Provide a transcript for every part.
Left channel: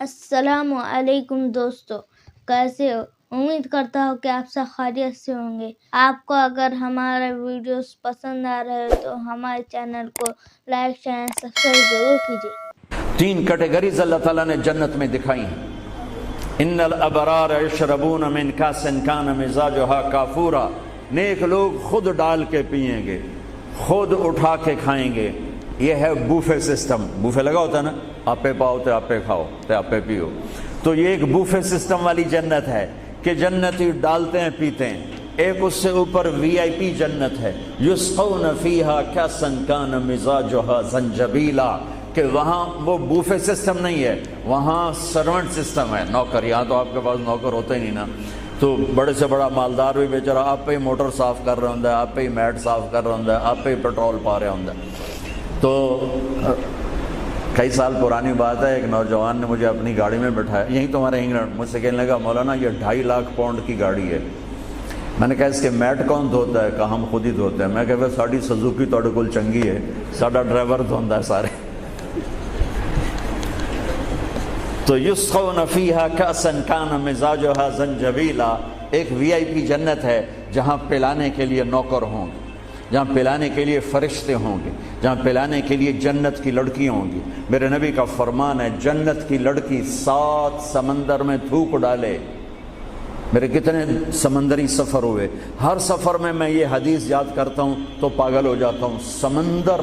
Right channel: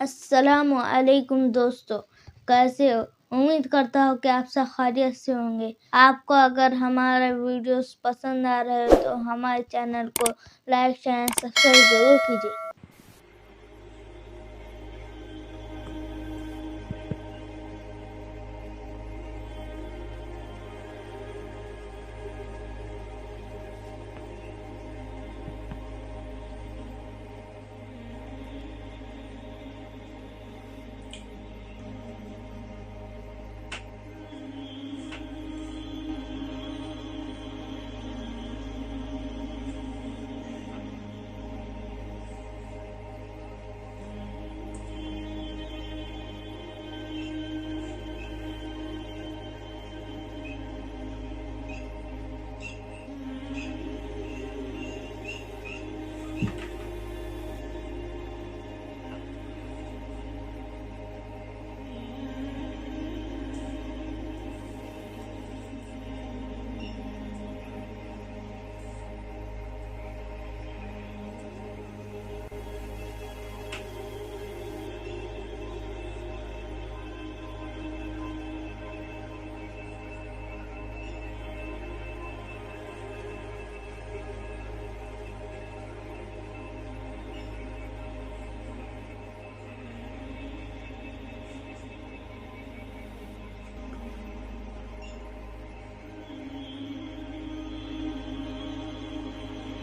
السلام علیکم دوستو، کیسے ہو؟ امید کرتا ہوں کہ آپ سب خیریت سے ہوں گے۔ آپ کو اگر ہمارے ویڈیوز پسند آ رہے ہو تو ہمارے چینل کو لائک شیئر سبسکرائب ضرور کیجیے۔ 3 کیٹیگریز اللہ تعالیٰ نے جنت میں دکھائی ہیں۔ ان الابرار یشربون من کاس کان مزاجها کافورا، نیک لوگ خود ڈال کے پئیں گے، خود اٹھا کے کھائیں گے۔ یہ ہے بوفے سسٹم۔ بوفے لگا ہوتا ہے نا، آپے پاؤ تے آپے کھاؤ تے آپے پیو، تو یہ ایک بوفے سسٹم والی جنت ہے کہ جنتی ڈالتے ہیں پیتے ہیں۔ ایک اس سے اوپر وی آئی پی جنت ہے، یسقون فیہا کاسا کان مزاجها زنجبیلا، کہ وہاں وہ بوفے سسٹم نہیں ہے، وہاں سرونٹ سسٹم ہے، نوکر۔ یہاں تو آپ کے پاس نوکر ہوتے ہی نہیں نا، تو بڑے سے بڑا مالدار بھی بیچارہ آپ پہ ہی موٹر صاف کر رہا ہوں، آپ پہ ہی میٹ صاف کر رہا ہوں، آپ پہ ہی پیٹرول پا رہا ہوں۔ تو کئی سال پرانی بات ہے، ایک نوجوان نے مجھے اپنی گاڑی میں بٹھایا، یہیں تمہارے انگلینڈ، مجھ سے کہنے لگا مولانا یہ 2.5 لاکھ پاؤنڈ کی گاڑی ہے۔ میں نے کہا اس کے میٹ کون دھوتا ہے؟ کہا ہم خود ہی دھوتے ہیں۔ میں کہا ساڑی سزوکی توڑے کل چنگی ہے، ساڑا ڈرائیور دھوندا ہے سارے۔ تو یسقون فیہا کاسا کان مزاجها زنجبیلا، ایک وی آئی پی جنت ہے جہاں پلانے کے لیے نوکر ہوں گے، جہاں پلانے کے لیے فرشتے ہوں گے، جہاں پلانے کے لیے جنت کی لڑکیاں ہوں گی۔ میرے نبی کا فرمان ہے جنت کی لڑکی 7 سمندر میں تھوک ڈالے۔ میرے کتنے سمندری سفر ہوئے، ہر سفر میں یہ حدیث یاد کرتا ہوں تو پاگل ہو جاتا ہوں۔ سمندر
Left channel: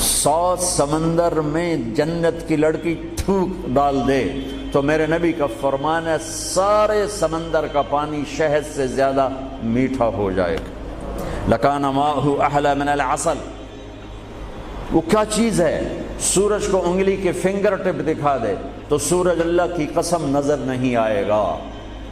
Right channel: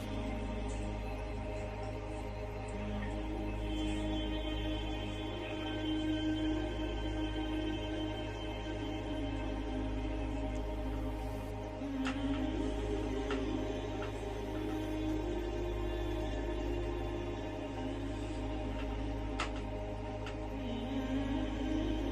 100 سمندر میں جنت کی لڑکی تھوک ڈال دے تو میرے نبی کا فرمان ہے سارے سمندر کا پانی شہد سے زیادہ میٹھا ہو جائے گا۔ لکان ماءہ احلی من العسل۔ وہ کیا چیز ہے؟ سورج کو انگلی کے فنگر ٹپ دکھا دے تو سورج اللہ کی قسم نظر نہیں آئے گا،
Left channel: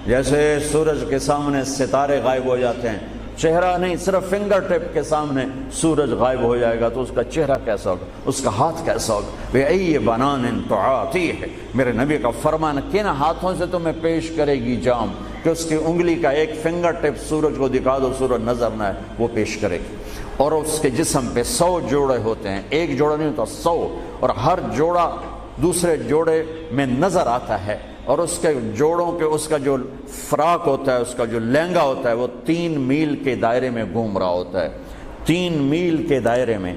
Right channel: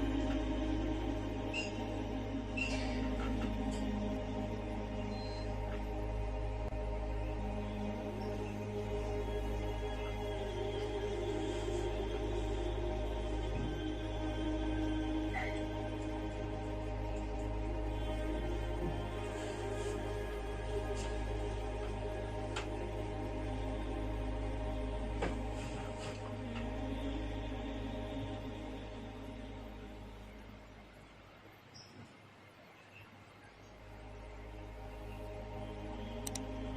جیسے سورج کے سامنے ستارے غائب ہو جاتے ہیں، چہرہ نہیں، صرف فنگر ٹپ کے سامنے سورج غائب ہو جائے گا تو اس کا چہرہ کیسا ہوگا، اس کا ہاتھ کیسا ہوگا؟ بِأَيِّ بَنَانٍ تُعَاطِيهِ، میرے نبی کا فرمان، کن ہاتھوں سے تمہیں پیش کرے گی جام کہ اس کی انگلی کا ایک فنگر ٹپ سورج کو دکھا دو، سورج نظر نہ آئے، وہ پیش کرے گی۔ اور اس کے جسم پہ 100 جوڑے ہوتے ہیں، ایک جوڑا نہیں ہوتا، 100، اور ہر جوڑا دوسرے جوڑے میں نظر آتا ہے، اور اس کے جوڑوں کے اس کا جو فراق ہوتا ہے، اس کا جو لہنگا ہوتا ہے، وہ 3 میل کے دائرے میں گھوم رہا ہوتا ہے، 3 میل کے دائرے میں۔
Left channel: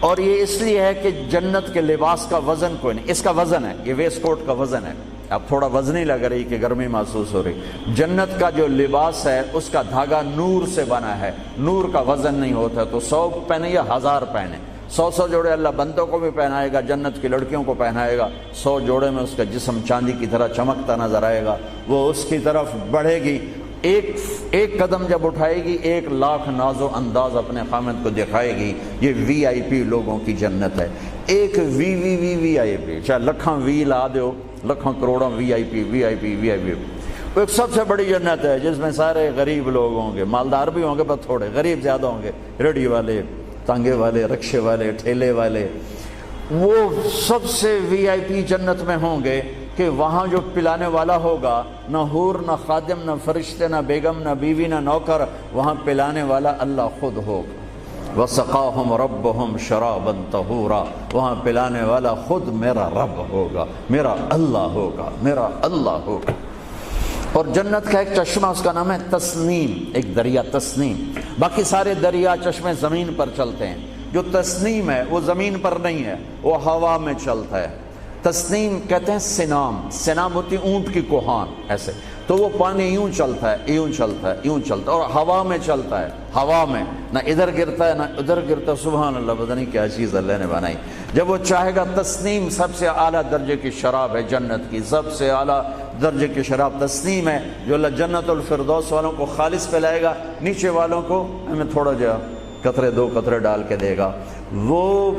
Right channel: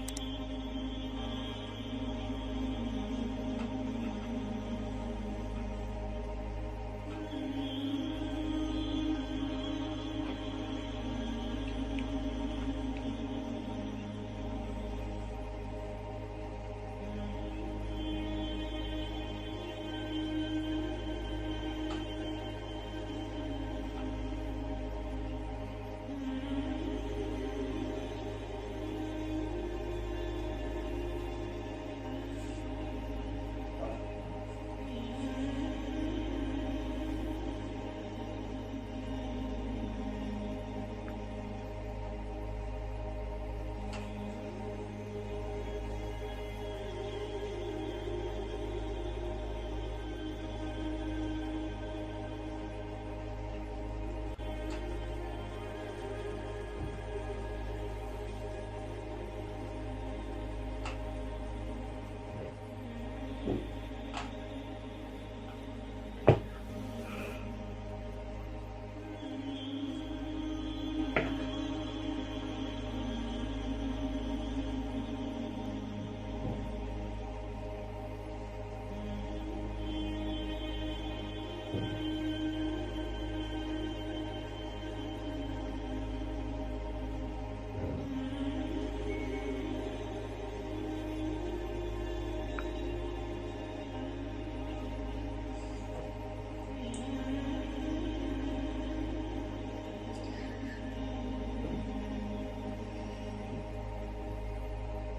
اور یہ اس لیے ہے کہ جنت کے لباس کا وزن کوئی نہیں، اس کا وزن ہے، یہ ویسٹ کوٹ کا وزن ہے، اب تھوڑا وزنی لگ رہی کہ گرمی محسوس ہو رہی۔ جنت کا جو لباس ہے اس کا دھاگا نور سے بنا ہے، نور کا وزن نہیں ہوتا، تو 100 پہنے یا 1000 پہنے، 100 جوڑے اللہ بندوں کو بھی پہنائے گا، جنت کی لڑکیوں کو پہنائے گا، 100 جوڑے میں اس کا جسم چاندی کی طرح چمکتا نظر آئے گا، وہ اس کی طرف بڑھے گی، ایک قدم جب اٹھائے گی 1 لاکھ ناز و انداز اپنے خامد کو دکھائے گی۔ یہ وی آئی پی لوگوں کی جنت ہے، ایک وی آئی پی، چاہے لکھاں وی لا دیو، لکھاں کروڑوں وی آئی پی۔ وہ ایک سب سے بڑی جنت ہے جس میں سارے غریب لوگ ہوں گے، مالدار بھی ہوں گے پر تھوڑے، غریب زیادہ ہوں گے، ریڑھی والے، تانگے والے، رکشے والے، ٹھیلے والے، وہ سب سے وی آئی پی جنت میں ہوں گے کہ وہاں جو پلانے والا ہوگا، نہ حور، نہ خادم، نہ فرشتے، نہ بیگم، نہ بیوی، نہ نوکر، وہاں پلانے والا اللہ خود ہوگا۔ وَسَقَاهُمْ رَبُّهُمْ شَرَابًا طَهُورًا، وہاں پلانے والا خود میرا رب ہوگا، میرا اللہ ہوگا، میرا اللہ ہوگا۔ اور جنت کا ایک چشمہ، اس کا نام ہے تسنیم، ایک دریا تسنیم۔ باقی سارے دریا چشمے زمین پر چلتے ہیں، جو تسنیم ہے وہ زمین پر نہیں ہے، وہ ہوا میں چلتا ہے۔ تسنیم کہتے ہیں سنام ہوتی اونٹ کی کوہان، ایسے تو وہ پانی یوں چلتا ہے، یوں چلتا ہے، یوں چلتا ہے، اور ہوا میں چلتا ہے، ہوا میں نہ ادھر گرتا ہے نہ ادھر گرتا ہے۔ سبحان اللہ، پتہ نہیں کیا چیز اللہ نے بنائی۔ جب وہ چاہے گا، تسنیم سب سے اعلیٰ درجے کی شراب ہے جنت کی، سب سے اعلیٰ درجے کی شراب تسنیم ہے، جو اللہ جنت الفردوس والوں کو خالص پلائے گا، نیچے والوں کو ہمیں تھوڑا جا قطرے 2 قطرے ڈال کے دے گا۔ وہ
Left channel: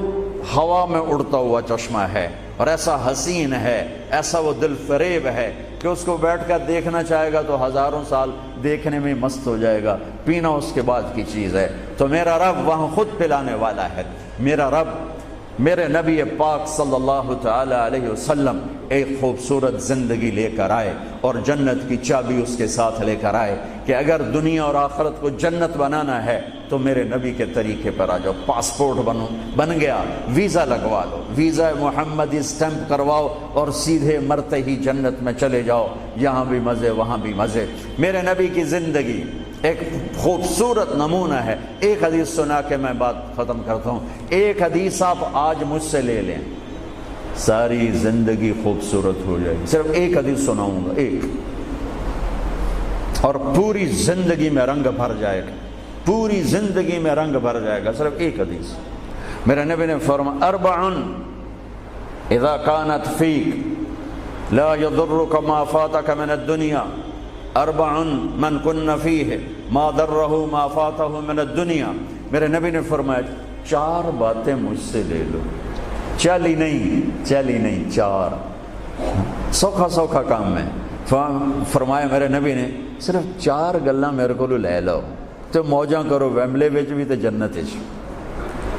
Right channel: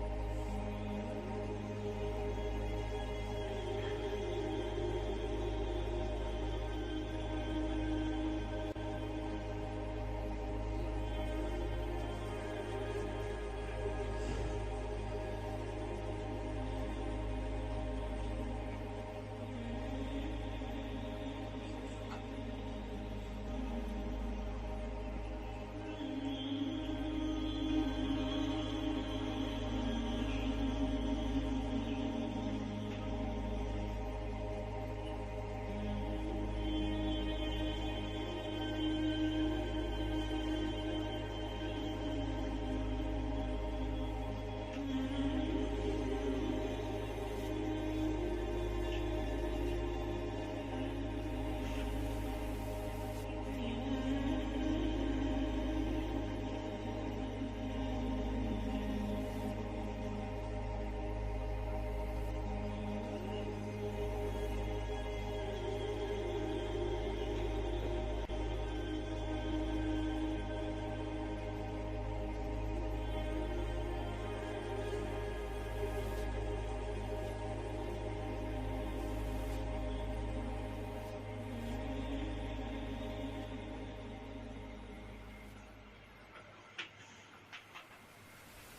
ہوا میں اڑتا ہوا چشمہ ہے، اور ایسا حسین ہے، ایسا وہ دل فریب ہے کہ اس کو بیٹھ کر دیکھنا چاہے گا تو ہزاروں سال دیکھنے میں مست ہو جائے گا، پینا اس کے بعد کی چیز ہے۔ تو میرا رب وہاں خود پلانے والا ہے، میرا رب میرے نبی پاک صلی اللہ تعالی علیہ وسلم ایک خوبصورت زندگی لے کر آئے اور جنت کی چابی اس کے ساتھ لے کر آئے کہ اگر دنیا اور آخرت کو جنت بنانا ہے تو میرے نبی کے طریقے پر آ جاؤ. پاسپورٹ بن گیا, ویزا لگوا لو, ویزا محمدی اسٹمپ کرواؤ اور سیدھے مرتے ہی جنت میں چلے جاؤ. یہاں بھی مزے وہاں بھی مزے. میرے نبی کی زندگی ایک خوبصورت نمونہ ہے. ایک حدیث سنا کے میں بات ختم کرتا ہوں. ایک حدیث آپ آج مجھ سے لے لیں, ساری زندگی خوبصورت ہو جائے گی. صرف ایک حدیث سناؤں گا, ایک, اور پوری زندگی میں رنگ بھر جائے گا, پوری زندگی میں رنگ بھر جائے گا. صرف ایک حدیث. میرے نبی نے فرمایا اربع اذا كانت فيك لا يضرك ما فاتك من الدنيا اربع من كن فيه ما ضره ما فاته من الدنيا. میرے نبی نے فرمایا چار باتیں مجھ سے لے لو. چلی نہیں, چار. سوکھا سوکھا کام ہے. فرمایا میرے نبی نے صرف چار گلاں میرے کو لے لو تو موجاں کرو ویملے وچ بھی تے جنت وچ.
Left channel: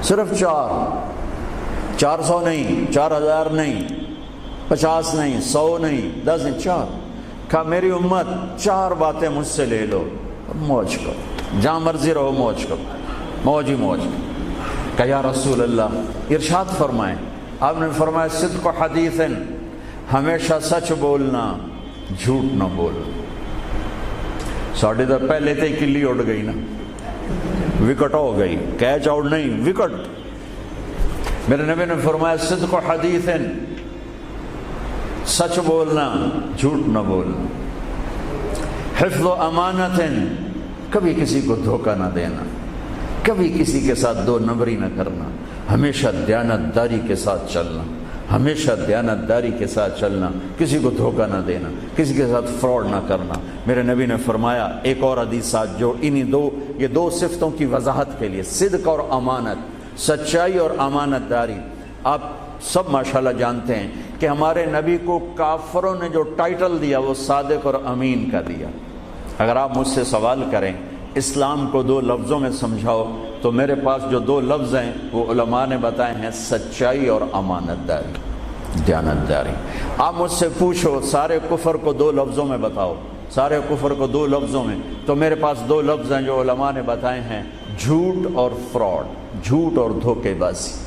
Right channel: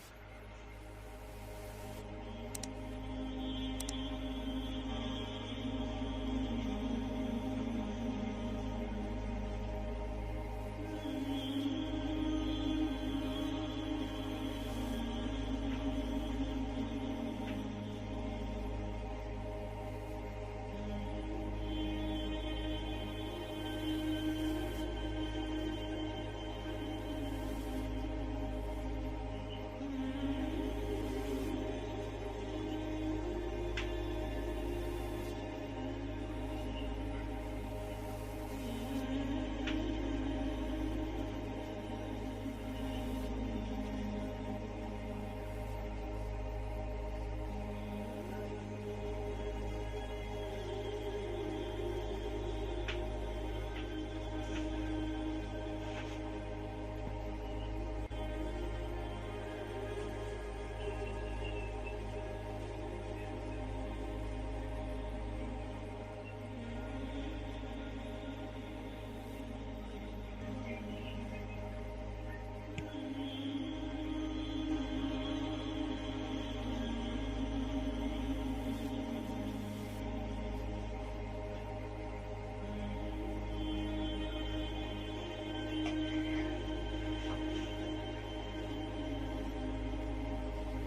صرف 400 نہیں, 4000 نہیں, 50 نہیں, 100 نہیں, 10 نہیں, 4. کہا میری امت چار باتیں مجھ سے لے لو اور موج کرو, جہاں مرضی رہو موج کرو, موج ہی موج. کہا یا رسول اللہ ارشاد فرمائیں. آپ نے فرمایا صدق حدیث, ہمیشہ سچ بولنا, جھوٹ نہ بولنا. ساڑھے تو پہلے تے کلی اڑ گئی نا, وکٹ ہو گئی, کیچ آؤٹ نہیں, وکٹ. میرے نبی نے فرمایا صدق حدیث, سچ بولنا, جھوٹ نہ بولنا. حفظ امانت, کبھی کسی کو دھوکہ نہ دینا, کبھی کسی کے ساتھ دو نمبری نہ کرنا, ہمیشہ دیانتداری کے ساتھ چلنا, ہمیشہ دیانتداری کے ساتھ چلنا, کسی کو دھوکہ نہ دینا, کسی کے ساتھ فراڈ نہ کرنا. میرے نبی نے فرمایا ایک اور حدیث جو یہ دو صفتوں کی وضاحت کے لیے, صدق اور امانت, سچائی اور امانت داری. آپ سب ماشاءاللہ جانتے ہیں کہ ہمارے نبی کو کافروں نے جو ٹائٹل دیا وہ صادق اور امین کا دیا. اگر آپ مجھ سے سوال کریں اسلام کو دو لفظوں میں سمجھاؤ تو میرے پاس جو دو لفظ ہیں وہ علماء نے بتائے ہیں, سچائی اور امانت داری, دیانتداری. آپ مجھ سے پوچھو سارے کفر کو دو لفظوں میں بتاؤ, سارے کفر کو دو لفظوں میں, تو میرے پاس دو لفظ ہیں جو علماء نے بتائے ہیں, جھوٹ اور فراڈ, جھوٹ اور دھوکے بازی.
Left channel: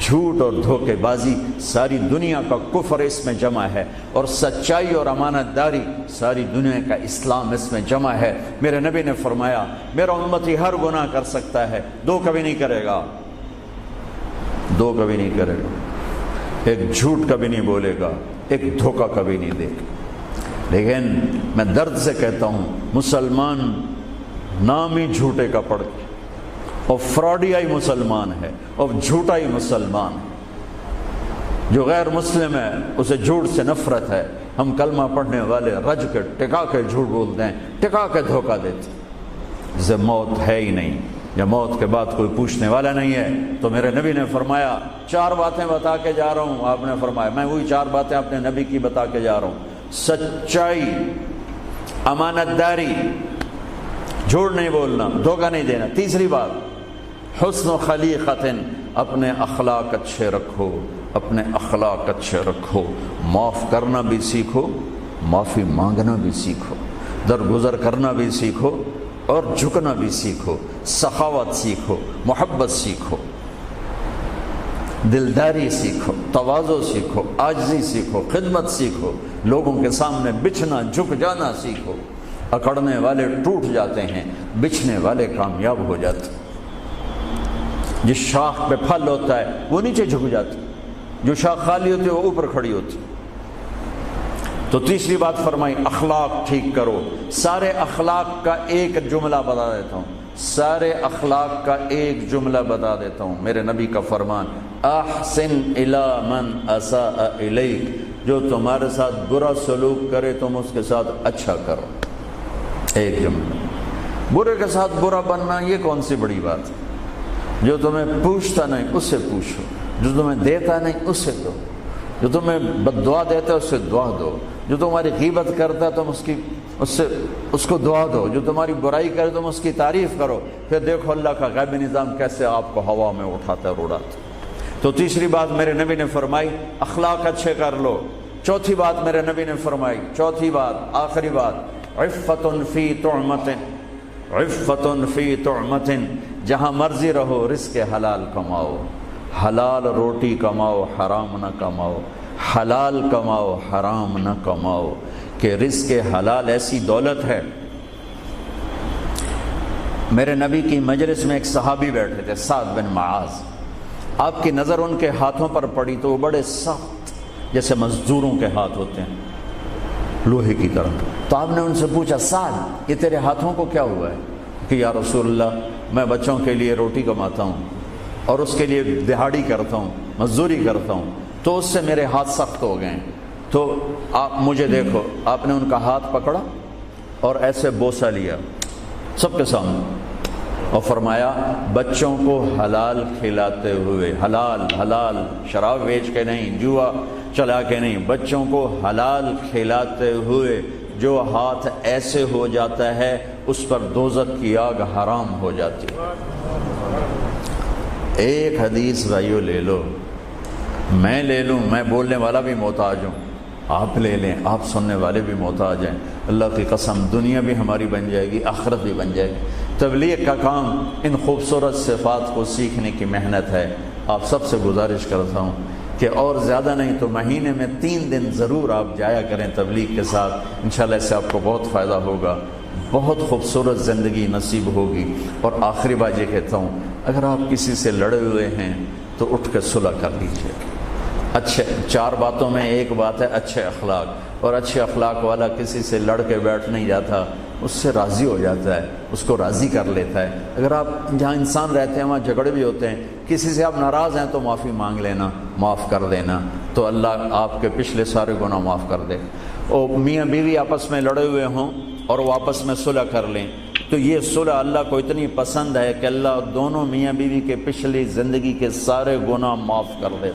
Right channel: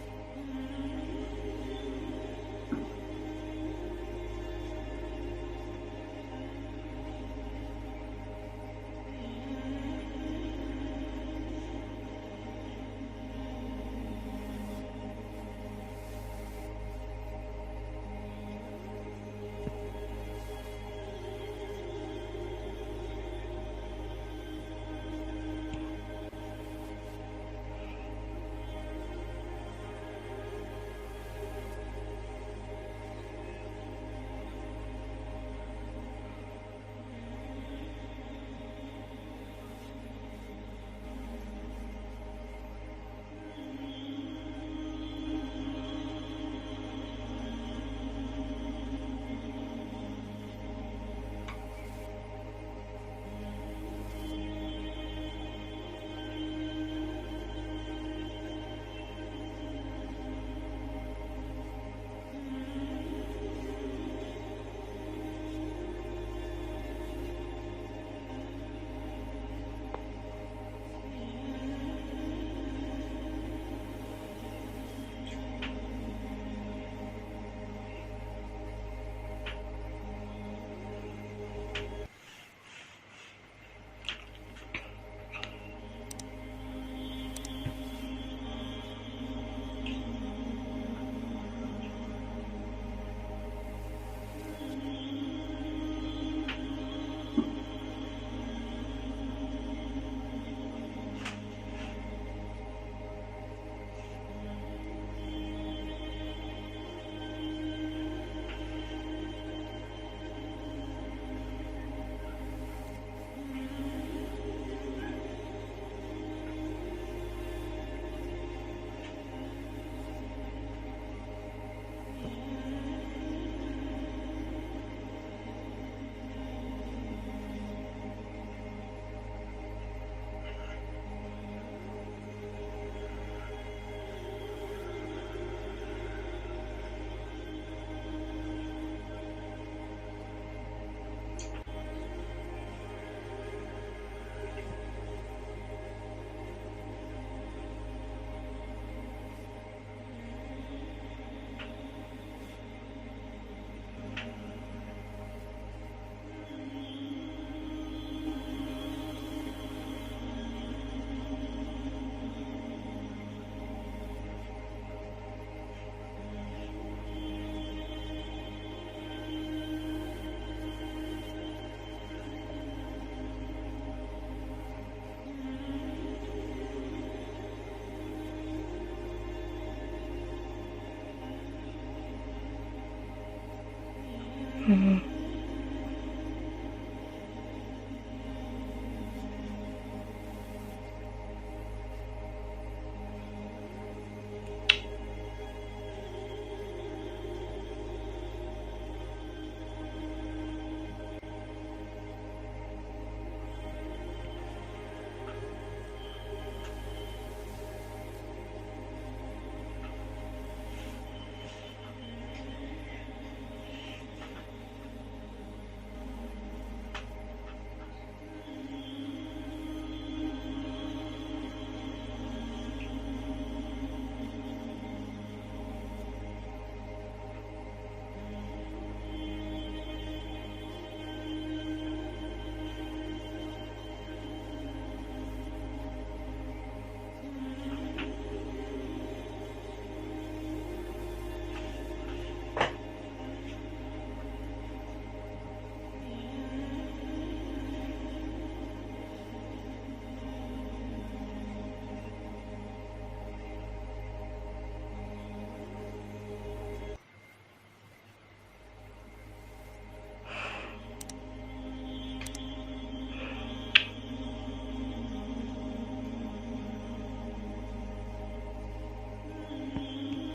جھوٹ اور دھوکے بازی ساری دنیا کا کفر اس میں جمع ہے, اور سچائی اور امانت داری ساری دنیا کا اسلام اس میں جمع ہے. میرے نبی نے فرمایا میرا امتی ہر گناہ کر سکتا ہے, دو کبھی نہیں کرے گا, دو کبھی نہیں کرے گا. ایک جھوٹ کبھی نہیں بولے گا, ایک دھوکہ کبھی نہیں دے گا. لیکن میں درد سے کہتا ہوں مسلمان نام ہی جھوٹے کا پڑ گیا, اور فراڈیائی مسلمان ہے, اور جھوٹائی مسلمان. جو غیر مسلم ہے اسے جھوٹ سے نفرت ہے. ہم کلمہ پڑھنے والے رج کے ٹکا کے جھوٹ بولتے ہیں, ٹکا کے دھوکہ دیتے ہیں. جسے موت ہے ہی نہیں, یا موت کے بعد کوئی پوچھنے والا نہیں ہے. تو میرے نبی نے فرمایا چار باتیں بتا کے جا رہا ہوں. آپ نے فرمایا میں وہی چار باتیں اپنے نبی کی بتا کے جا رہا ہوں, سچائی, امانت داری, جھوٹ نہیں بولنا, دھوکہ نہیں دینا. تیسری بات حسن و خلیقت, اپنے اخلاق اچھے رکھو, اپنے اخلاق اچھے رکھو. معاف کرنا بھی سیکھو, معافی مانگنا بھی سیکھو, درگزر کرنا بھی سیکھو, اور جھکنا بھی سیکھو. سخاوت سیکھو, محبت سیکھو, دلداری سیکھو, تواضع سیکھو, عاجزی سیکھو, خدمت سیکھو, لوگوں کے سامنے بچھنا جھک جانا سیکھو. اکڑنے والے ٹوٹ جاتے ہیں, بچھنے والے کامیاب ہو جاتے ہیں. جس شاخ پہ پھل ہوتا ہے وہ نیچے جھک جاتی, جو شاخ خالی ہوتی ہے وہ اوپر کھڑی ہوتی. تو تیسری بات فرمائی اخلاق ٹھیک کرو. سارے اخلاق کا ایک جملہ بتا دیتا ہوں, سارے اخلاق کا ایک جملہ بتا دیتا ہوں. میرے نبی کا فرمان احسن الی من اساء الیک, جو تمہارے ساتھ برا سلوک کرے تم اس کے ساتھ اچھا کرو. ایک جملہ. برے کے ساتھ برا بننا یہ کون سی بڑی بات ہے؟ جو تمہیں پوچھتا نہیں اس سے پوچھو, جو تمہیں دیتا نہیں اس سے دو, جو تمہیں بد دعا دیتا ہے اس سے دعا دو, جو تمہاری غیبت کرتا ہے تم اس کو دعا دو, جو تمہاری برائی کرے تم اس کی تعریف کرو. پھر دیکھو اللہ کا غیبی نظام کیسے آپ کو ہوا میں اٹھاتا ہے, اڑاتا ہے. تو تیسری بات میرے نبی نے فرمائی اخلاق اچھے کر لو. چوتھی بات میرے نبی نے فرمائی، چوتھی بات آخری بات، عفت فی طعمت، عفت فی طعمت، جہاں مرضی رہو رزق حلال کماؤ، حلال روٹی کماؤ، حرام نہ کماؤ، حلال کماؤ حرام نہ کماؤ، کہ رزق حلال ایسی دولت ہے. میرے نبی کی مجلس میں ایک صحابی بیٹھے تھے، سعد بن معاذ. آپ کی نظر ان کے ہاتھوں پر پڑی تو وہ بڑے سخت جیسے مزدوروں کے ہاتھ ہوتے ہیں، لوہے کی طرح. تو آپ نے ان سے پوچھا سعد یہ تیرے ہاتھوں کو کیا ہوا ہے؟ کہ یا رسول اللہ میں بچوں کے لیے روٹی کماتا ہوں اور اس کے لیے دہاڑی کرتا ہوں، مزدوری کرتا ہوں، تو اس سے میرے ہاتھ سخت ہو گئے. تو آپ مجھے دیکھو. آپ نے ان کا ہاتھ پکڑا اور ایسے بوسہ لیا سب کے سامنے اور فرمایا بچوں کو حلال کھلاتے ہوئے، حلال حلال، شراب بیچ کے نہیں، جوا چلا کے نہیں، بچوں کو حلال کھلاتے ہوئے جو ہاتھ ایسے ہو جاتا ہے اس پر دوزخ کی آگ حرام ہو جاتی ہے. ایک حدیث بھائیو لے لو، میں لے لوں، میں بولنے والا بھی محتاج ہوں، آپ لے لیں، آپ سننے والے بھی محتاج ہیں. اللہ کی قسم دنیا بھی ہماری بن جائے گی، آخرت بھی بن جائے گی. تبلیغ کا کام ان خوبصورت صفات کو سیکھنے کی محنت ہے. آپ سب سے گزارش کرتا ہوں کہ اور زیادہ نہیں تو مہینے میں 3 دن ضرور آپ جایا کریں تبلیغ کے ساتھ. انشاءاللہ اس سے آپ کو بہت فائدہ ہوگا، بہت خوبصورت زندگی نصیب ہوگی. اور آخری بات یہ کہتا ہوں، اگر آپ کسی سے لڑے ہوئے ہیں تو اٹھ کے صلح کر لیجیے. اچھے 4 باتوں میں ایک بات ہے اچھے اخلاق، اور اچھے اخلاق والا کسی سے لڑ کے بیٹھ نہیں جاتا، اس سے راضی ہو جاتا ہے، اس کو راضی کر لیتا ہے. اگر آپ جہاں انسان رہتے ہیں وہاں جھگڑے بھی ہوتے ہیں، کسی سے آپ ناراض ہیں تو معافی مانگ لینا، معاف کر دینا، تو اللہ آپ کے پچھلے سارے گناہ معاف کر دے. اور میاں بیوی آپس میں لڑے ہوئے ہوں اور وہ آپس میں صلح کر لیں تو یہ صلح اللہ کو اتنی پسند ہے کہ اللہ دونوں میاں بیوی کے پچھلی زندگی کے سارے گناہ معاف کر دے.